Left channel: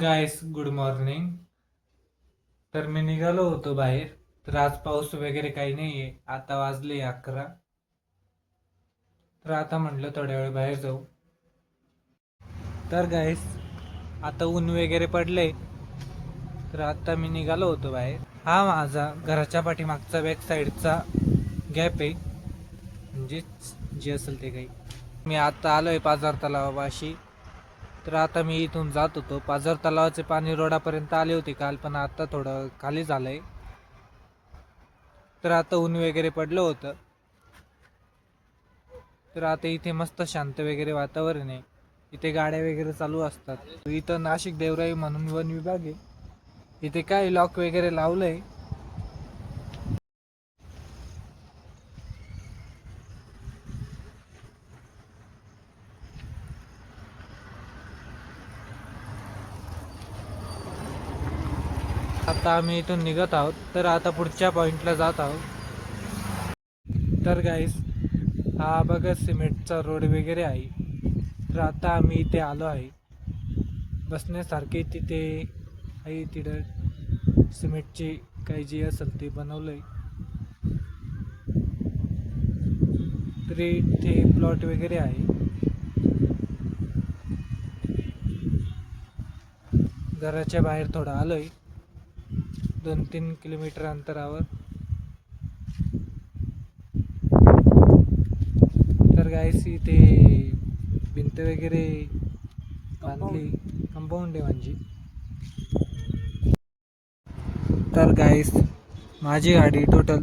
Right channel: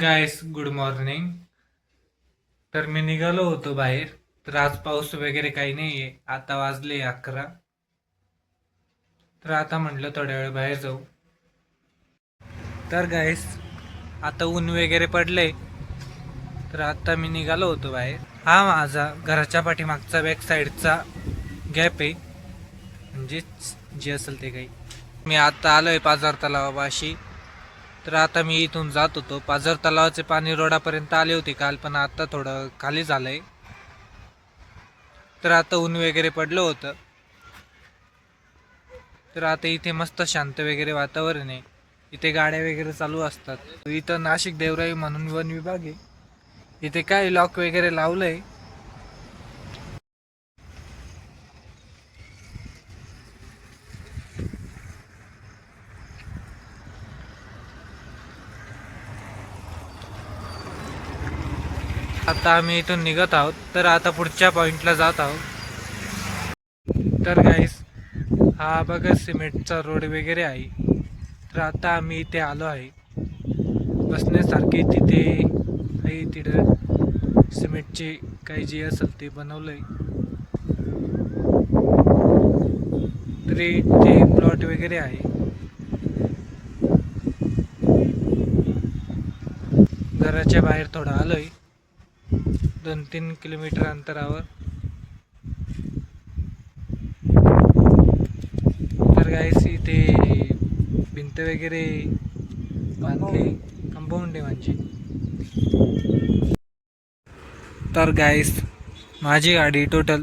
Guys good morning. तर मी निघालो होतो बाहेर. तर आज पाऊस वगैरे काही नाहीये. आता वाजले 11. तर आता म्हटलं थोड्या वेळ बाहेर जाऊ. तर गायस आता ऊन वगैरे पडलंय. तर आता मी निघालो होतो बाहेर. हा माझा घराच्या पाठीमागचा बॅक साईडचा गॅप आहे, म्हणजेच जे असेल ते काही. मी आता आलोय पाझर तलावापाशी. तर आता मी इथून जात होतो. पाझर तलावाचे पाणी रोडापर्यंत आले होते काल, पण आता थोडं खाली झालंय. तर आता ऊन वगैरे पडलं होतं. तर आता इथे मस्त शांत वगैरे वातावरण आहे. इथे गाड्या वगैरे चालू असतात. इथं नाशिक देवराई म्हणून वन विभाग आहे. इथे काय लॉक वगैरे लावलंय. आता आम्ही इथून निघत आहोत. तर आता पुढच्या पॉइंटला जात आहोत. तर गाईस हा बघा सिमेंटचा रोड वगैरे आहे. तर आता आम्ही इथे आलो आहे. बसण्यासारखे तिथे आहे. तिथं सिमेंटचे काही जे असेल ते बनवलंय. तरी ते प्लॉट वगैरे आहे. घराच्या बाहेर थोडं आलोय, 2-3 किलोमीटर अंतरावर. तर गाईस इथे भिंत वगैरे बांधली, कंपाऊंड आहे म्हणजे. तर गाईस माझी गाडी टोटल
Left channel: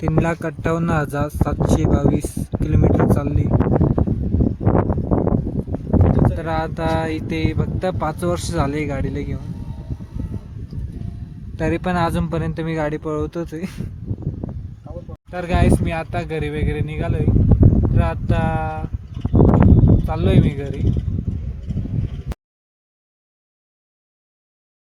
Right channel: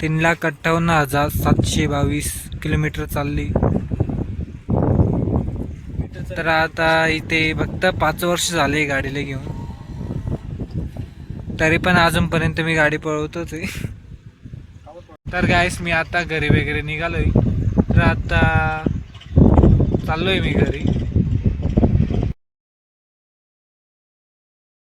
3,58,722 किलोमीटर चालली. तर आता इथे फक्त 5 वर्ष झाले गाडीला घेऊन. तरी पण अजूनपर्यंत मी गाडी पळवतोच आहे. तर गाईस मी आता घरी वगैरे निघालोय. तर आता चाललोय मी घरी.